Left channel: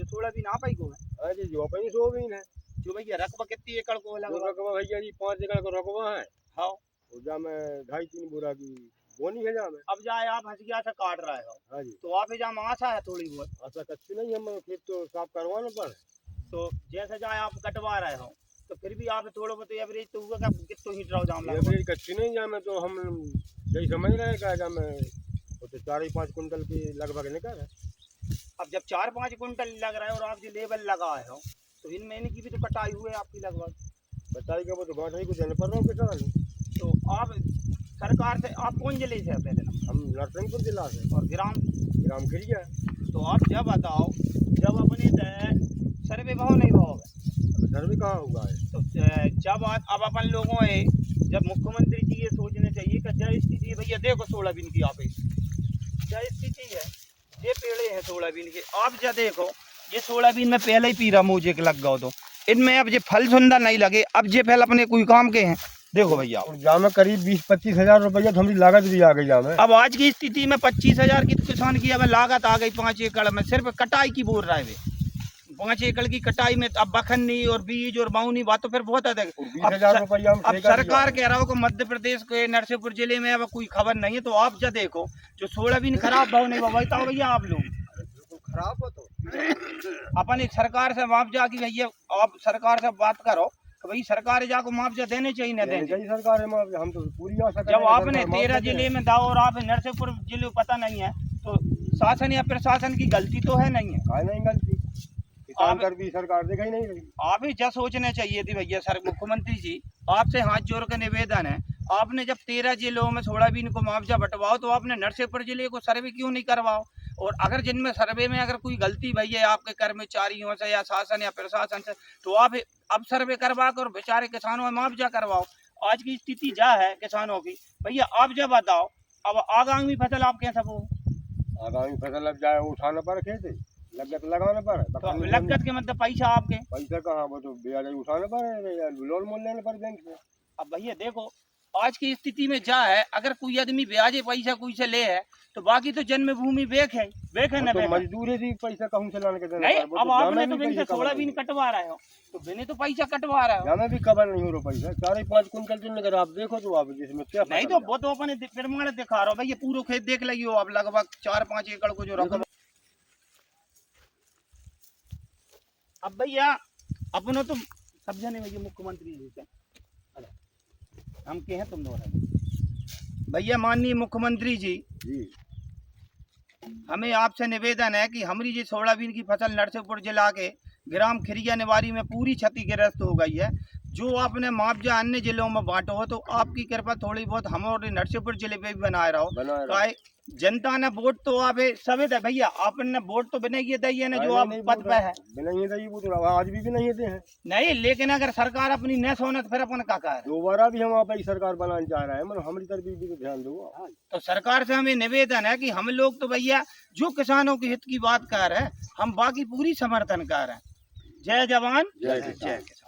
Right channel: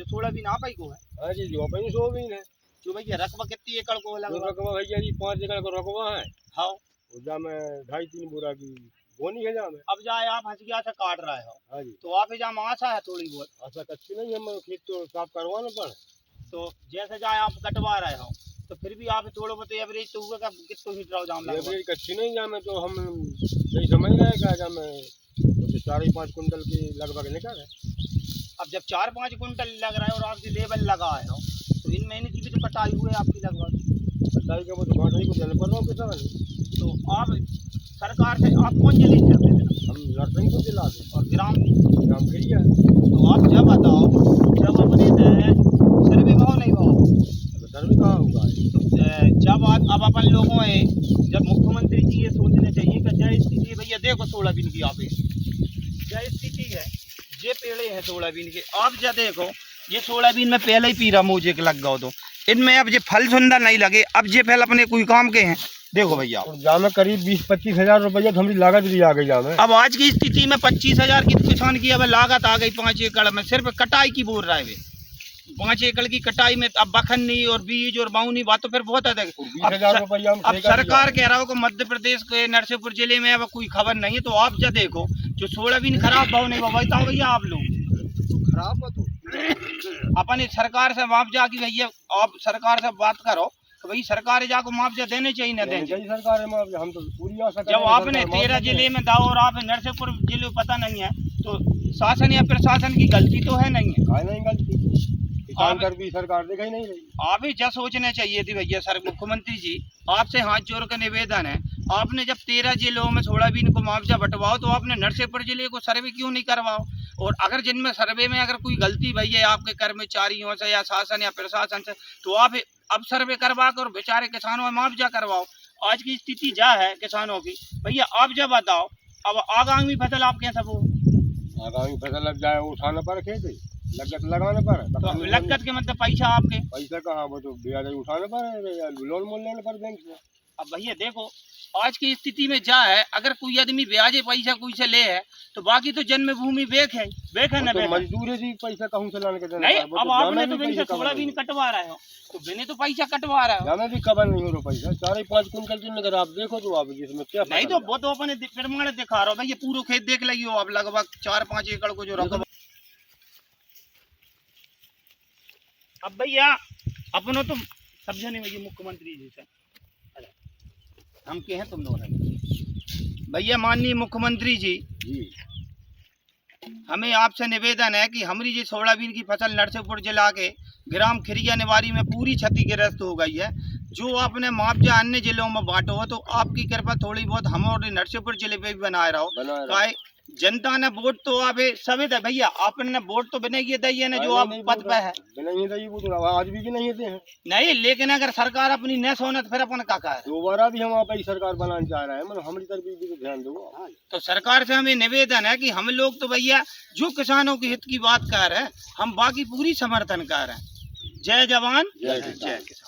जो सोयाबीन आप ही को है? हाँ जी, जो अपनी सोयाबीन है। जो भैया रकबा कितनी एकड़ को है लगभग? रकबा भैया जी 5 एकड़ का रकबा है। हाँ। जा में 2.5-3 बोरा की बोनी है जा में। अब जाए आप हंसिया से काट रहे हो। हाँ जी। तो आप जा में आशा है थोड़ी बहुत? आशा कच्ची नहीं, हम खेत तो साफ करवाना पड़े। तो जैसे जाए आप कटवा रहे हो तो फिर भी आप थोड़ा बहुत एवरेज तो हुआ का कितना हीट रहो जाम लगभग? एवरेज कच्ची नहीं जा में, तो हम यही समझ रहे हैं कि जा में तो 4-5 कुंटल की लगभग निकल है। अब जब 4-5 कुंटल लग रहा है और आप जो लेबल लगाए हो तो इन महीने की भी तो कटाई हुई है आपकी लगभग? कटाई का वो तो गाँठ को देने पड़ रहा हूँ किसान। तो आप सरकार से आप कौन जिले से अपने दिन? हम नरसिंहपुर जिला से। और ग्राम? ग्राम खिरिया। तो आप जब बताओ जब अपने सर्वे भाव नहीं भाव अब सर्वे कहाँ होगा? तो जब अब अपन लोगों है जब मुख्यमंत्री जी ये सोचने चाहिए कि जय स्थिति भैया देखो सोयाबीन की आप जय स्थिति है, ये पेड़े हैं सोयाबीन के, आप जब देखो ये सोयाबीन में पहले ही पीरा मुझे लग गया तो इनमें अब ये फल सुंदर नहीं लगे, अब ये फल अपने कोई काम के हैं। देखो भैया जामे करीब 20-25 हजार रुपया हमारी लागत भी आ गई जामे। अब आज की स्थिति में 25,000 की किसान की अब लागत आ गई 5 एकड़ में, सिर्फ कटाई की बोल रहे वे 5 एकड़ की कटाई में। अब बखन्नी और बीज और बाउनी बात तो फिर बहुत अधिक। 20,000 रुपया अब सरकार कह रहा हो कि मध्य प्रदेश के नरसिंहपुर जिले में अब कोई खबर नहीं है। तो आप जब देखो जो सोयाबीन खराब भाव नहीं भाव बताओ भैया आप लोग खराब है। तो अपनी सरकार से मुआवजा की भैया आप सरकार से बात करो तो भाई सरकार जाको मुआवजा देने चाहिए ना देने चाहिए? सरकार है, हम तो पूरी आशा जब आपने 13 जिले में दाव और आप नरसिंहपुर जिले पता नहीं है तो शासन या प्रशासन की गलती तो है नहीं है? नहीं गलती, किसान कर भी सरकार देखा ही नहीं रही। आप ही जब सोचने चाहिए थी भैया सर मुख्यमंत्री जी आपसे हाथ जोड़ कर निवेदन है, आपने जब 13 जिलों में सोयाबीन को मुआवजा बंटवाओ तो आपने नरसिंहपुर जिले को सर्वे क्यों नहीं करवाओ? और अगर जिनमें सर्वे में अगर कोई गलती भई है आपके कर्मचारियों से या शासन या प्रशासन से तो आप अब सर्वे करवा कर बेचारे किसानों में मुआवजा करवाओ। आज की स्थिति जा है किसानों की भैया आप जब बताओ अब आगामी फसल आप कैसे वो? आगामी फसल अब जाए उठाना पड़ खेत लगत लगाना पड़। तो लगत के मतलब पैसा आपके पैसा कहाँ, वो तो ब्याज उठाना पड़े, लोन मोल लेना पड़े बैंक से। अब भैया देखो आज की स्थिति में जा है अगर कोई आदमी ब्याजे पैसा कोई से ले है तो बाकी तो जन्मभूमि बेक है ना तो मजदूर है पैसा कहूँ से लाने के देना। नहीं अब आपने तो बिन सोयाबीन कटवा रहे हो तो बिने तो पैसा कटवा रहे हो। जामे भी कबर नहीं हो रहा पैसा 4-5 कुंटल की अगर आप देखो तो आप जिसमें क्या नहीं तो वो तो अपने प्रमाण दिखा रहा हो भैया पूरा खेत देख लगी हो आप लगभग 4-5 एकड़ को जो रकबा। अब भैया अपनों तो समझा नहीं भैया मुख्यमंत्री जी से हम के हैं तुम दोनों भैया माननीय मुख्यमंत्री जी हमें आपसे निवेदन है कि हमारी जी सोयाबीन की फसल नरसिंहपुर जिला के ग्राम खिरिया निवारी में पूरी क्षतिग्रस्त हो गई है। जो आपने मुआवजा अन्य जिलों में बांटो हो तो आपकी कृपा थोड़ी बहुत हम और नरसिंहपुर जिले पे भी बनाए रहो। जनता ने वोट तो आप सभी दे भैया आपने वोट तो बिना ये दी है ना जो आप पद पे है बिना ये दी वो तो आज भी नहीं देते हैं। नहीं लेकिन अगर सरकार अपनी न सोने तो फिर अपन का है दोबारा भी हम आप सरकार बनाना चाह रहे हैं मतलब हमारी तरफ भी तो ध्यान दो। तो सरकार से हमें निवेदन है कि हम लोग तो भैया जो किसानों के हित की बात कर रहे हैं हम बाकी पूरी समर्थन कर रहे हैं। जय जवान जय किसान।